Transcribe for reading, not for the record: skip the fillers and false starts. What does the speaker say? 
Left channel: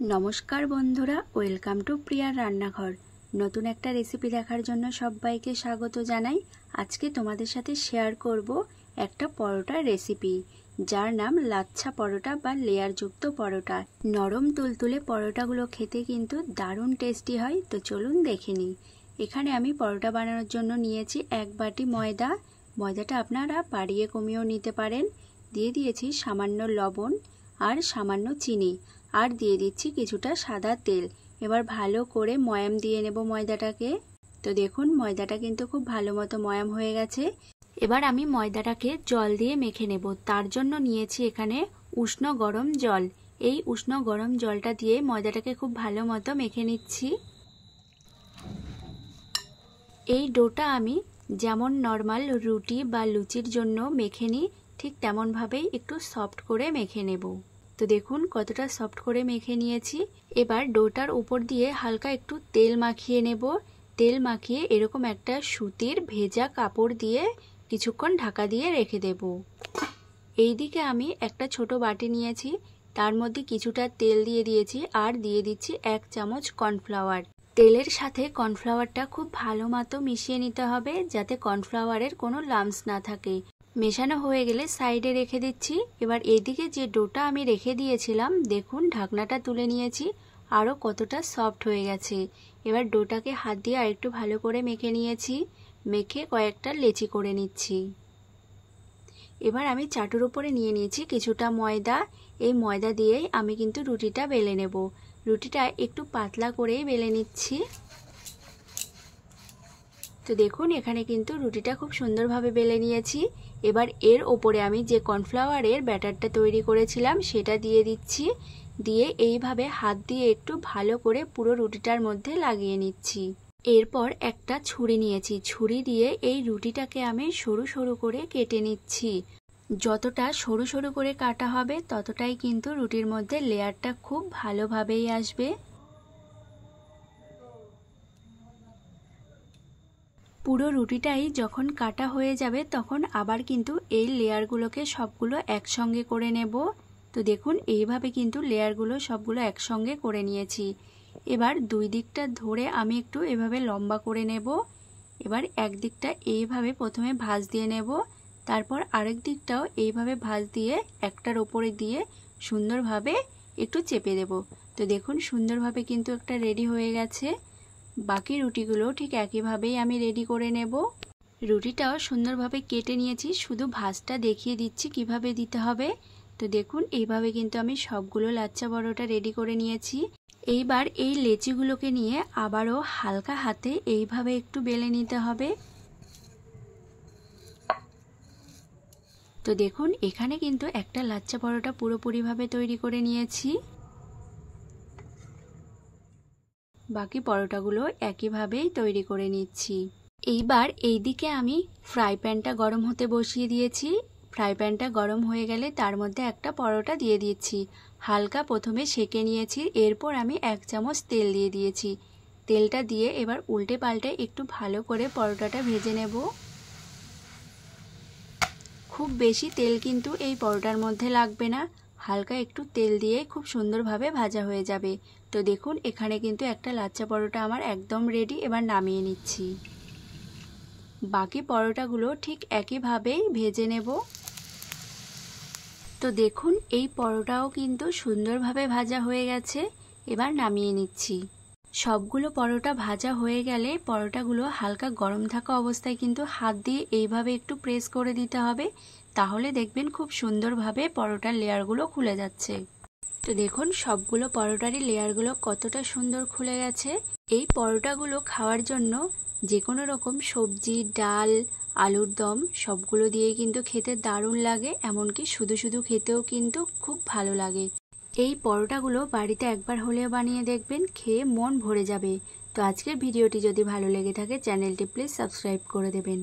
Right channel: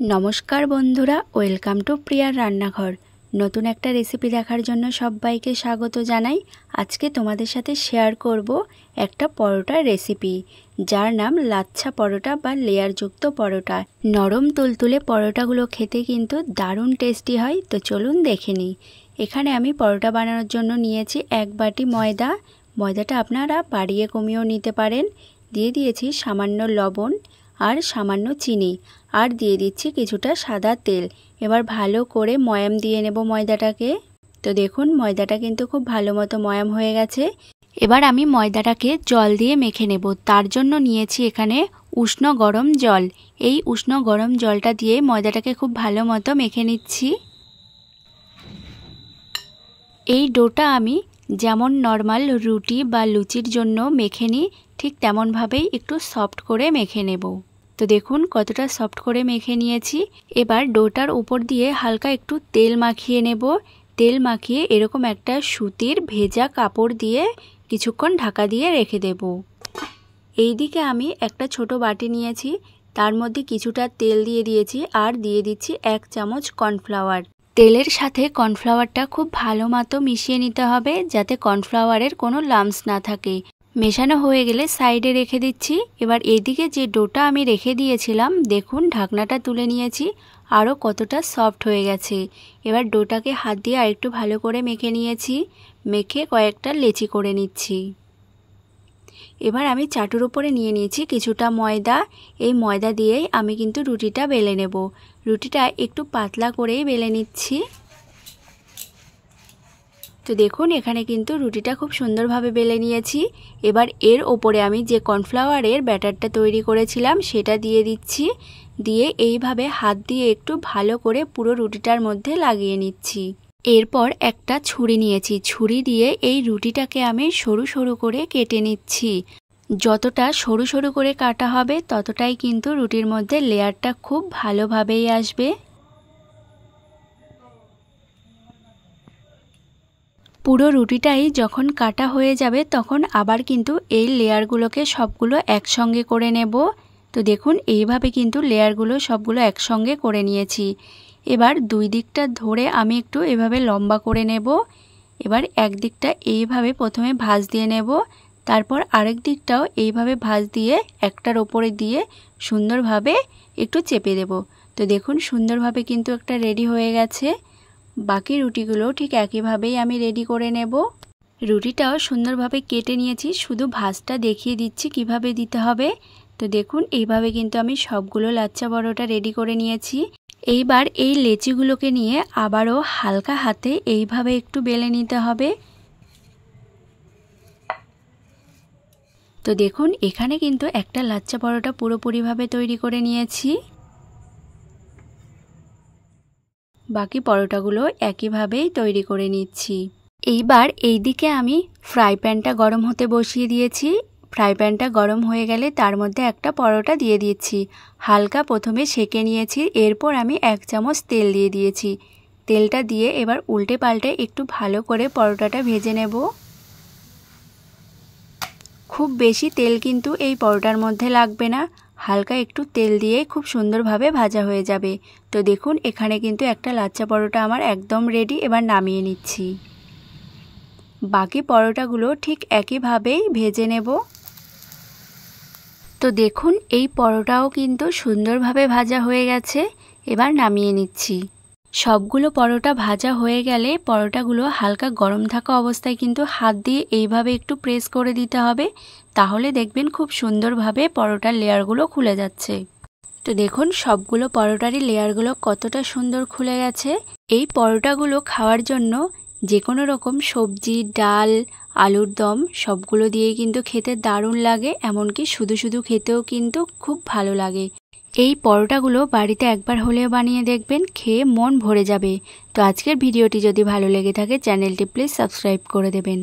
নমস্কার বন্ধুরা, welcome to প্রিয়ার রান্নাঘর। নতুন একটা রেসিপি দেখার জন্য সবাইকে স্বাগত জানাই। আজকে তোমাদের সাথে শেয়ার করব একটা পরোটার রেসিপি, যার নাম লাচ্ছা পরোটা বা লেয়ারযুক্ত পরোটা। নরম তুলতুলে পরোটাগুলো খেতে কিন্তু দারুণ টেস্টি হয়। তো চলুন দেখে নিই। এখানে আমি পরোটা বানানোর জন্য নিয়েছি 1 বাটি ময়দা। ময়দাটা আপনারা বাড়িয়ে কমিয়েও নিতে পারেন। দিয়ে দিয়েছি সামান্য লবণ আর সামান্য চিনি, আর দিয়ে দিচ্ছি কিছুটা সাদা তেল। এবার ভালো করে ময়াম দিয়ে নেব ময়দাটাকে। তো দেখুন, ময়দাটা কিন্তু খুব ভালো মতো ময়াম হয়ে গেছে। এবার আমি ময়দাটাকে জল দিয়ে মেখে নেব। তার জন্য নিয়েছি এখানে উষ্ণ গরম জল। এই উষ্ণ গরম জলটা দিয়ে ময়দাটাকে খুব ভালো মতো মেখে নিচ্ছি। এই ডোটা আমি যেমন নর্মাল রুটি বা লুচির জন্য মেখে নিই, ঠিক তেমনভাবেই একটু সফট করে মেখে নেব। তো দেখুন কতটা সফট করে মেখে নিয়েছি। এবার ডোটার উপর দিয়ে হালকা একটু তেল মাখিয়ে নেব। তেল মাখিয়ে এরকম একটা সুতির ভেজা কাপড় দিয়ে কিছুক্ষণ ঢাকা দিয়ে রেখে দেব। এইদিকে আমি একটা ছোট বাটি নিয়েছি, তার মধ্যে কিছুটা তেল দিয়ে দিয়েছি আর দিয়ে দিচ্ছি 1 চামচ কর্নফ্লাওয়ার। তেলের সাথে কর্নফ্লাওয়ারটা খুব ভালো মতো মিশিয়ে নিতে হবে, যাতে কর্নফ্লাওয়ারের কোনো লাম্পস না থাকে। মেশানো হয়ে গেলে সাইডে রেখে দিচ্ছি। এবার এদিকে যে ডোটা আমি রেখে দিয়েছিলাম, দেখুন ঢাকনাটা তুলে নিয়েছি, আরও কতটা সফট হয়ে গেছে। এবার ডোটাকে হাত দিয়ে আরেকটু ভালো করে মেখে নিয়েছি। মেখে কয়েকটা লেচি করে নিচ্ছি। এবার আমি চাটুর উপরে নিয়ে নিয়েছি কিছুটা ময়দা। এই ময়দা দিয়েই আমি কিন্তু রুটিটা বেলে নেব। রুটিটা একটু পাতলা করেই বেলে নিচ্ছি। তো দেখুন এখানে কিন্তু রুটিটা খুব সুন্দরভাবে বেলে নিয়েছি। এবার এর ওপরে আমি যে কর্নফ্লাওয়ারের ব্যাটারটা তৈরি করেছিলাম সেটা দিয়ে দিচ্ছি। দিয়ে এইভাবে হাত দিয়ে একটু ভালো করে পুরো রুটিটার মধ্যে লাগিয়ে নিচ্ছি। এরপর একটা ছুরি নিয়েছি, ছুরি দিয়ে এই রুটিটাকে আমি সরু সরু করে কেটে নিচ্ছি। যতটা সরু সরু করে কাটা হবে ততটাই কিন্তু রুটির মধ্যে লেয়ারটা খুব ভালোভাবেই আসবে। পুরো রুটিটাই যখন কাটা হয়ে যাবে তখন আবার কিন্তু এই লেয়ারগুলোকে সবগুলো একসঙ্গে করে নেব। তো দেখুন এইভাবে কিন্তু লেয়ারগুলো সবগুলো একসঙ্গে করে নিয়েছি। এবার দুই দিকটা ধরে আমি একটু এভাবে লম্বা করে নেব। এবার একদিকটা এইভাবে প্রথমে ভাঁজ দিয়ে নেব, তারপর আরেক দিকটাও এইভাবে ভাঁজ দিয়ে একটার ওপরে দিয়ে সুন্দরভাবে একটু চেপে দেব। তো দেখুন সুন্দরভাবে কিন্তু একটা রেডি হয়ে গেছে। বাকি রুটিগুলো ঠিক একইভাবেই আমি রেডি করে নেব। রুটিটাও সুন্দরভাবে কেটে নিয়েছি, শুধু ভাঁজটা দেখিয়ে দিচ্ছি কিভাবে দিতে হবে। তো দেখুন এইভাবে কিন্তু আমি সবগুলো লাচ্ছা পরোটা রেডি করে নিয়েছি। এইবার এই লেচিগুলোকে নিয়ে আবারও হালকা হাতে এইভাবে একটু বেলে নিতে হবে। তো দেখুন এখানে কিন্তু একটা লাচ্ছা পরোটা পুরোপুরিভাবে তৈরি করে নিয়েছি। বাকি পরোটাগুলো একইভাবেই তৈরি করে নিচ্ছি। এইবার এইদিকে আমি ফ্রাই প্যানটা গরম হতে বসিয়ে দিয়েছি। ফ্রাই প্যানটা গরম হয়ে গেলে তার মধ্যে একটা পরোটা দিয়ে দিচ্ছি। হালকা প্রথমে সেঁকে নিয়েছি, এরপর আমি 1 চামচ তেল দিয়ে দিয়েছি। তেলটা দিয়ে এবার উল্টে পাল্টে একটু ভালো করে পরোটাটা ভেজে নেব। খুব বেশি তেল কিন্তু এই পরোটার মধ্যে লাগবে না, হালকা একটু তেল দিয়ে খুব সুন্দরভাবে ভাজা হয়ে যাবে। তো দেখুন এখানে কিন্তু একটা লাচ্ছা পরোটা আমার একদম রেডি। এবার নামিয়ে নিচ্ছি। বাকি পরোটাগুলো ঠিক একইভাবেই ভেজে নেব। তো দেখুন এই পরোটাও কিন্তু সুন্দরভাবে ভাজা হয়ে গেছে। এবার নামিয়ে নিচ্ছি। সবগুলো পরোটা ভাজা হয়ে গেলে পরোটাগুলো হালকা গরম থাকা অবস্থায় কিন্তু হাত দিয়ে এইভাবে একটু প্রেস করে দিতে হবে, তাহলে দেখবেন খুব সুন্দরভাবে পরোটার লেয়ারগুলো খুলে যাচ্ছে। তো দেখুন সবগুলো পরোটারই লেয়ারগুলো কতটা সুন্দর খুলে গেছে। এই পরোটাগুলো খাওয়ার জন্য যে কোনো রকম সবজি, ডাল, আলুর দম সবগুলো দিয়েই কিন্তু খেতে দারুণ লাগে, এমনকি শুধু শুধু খেতেও কিন্তু খুব ভালো লাগে। এই পরোটাগুলো বাড়িতে একবার হলেও বানিয়ে দেখবেন, খেয়ে মন ভরে যাবে। তো আজকের ভিডিওটি যদি ভালো লেগে থাকে চ্যানেলটি প্লিজ সাবস্ক্রাইব করে দেবেন।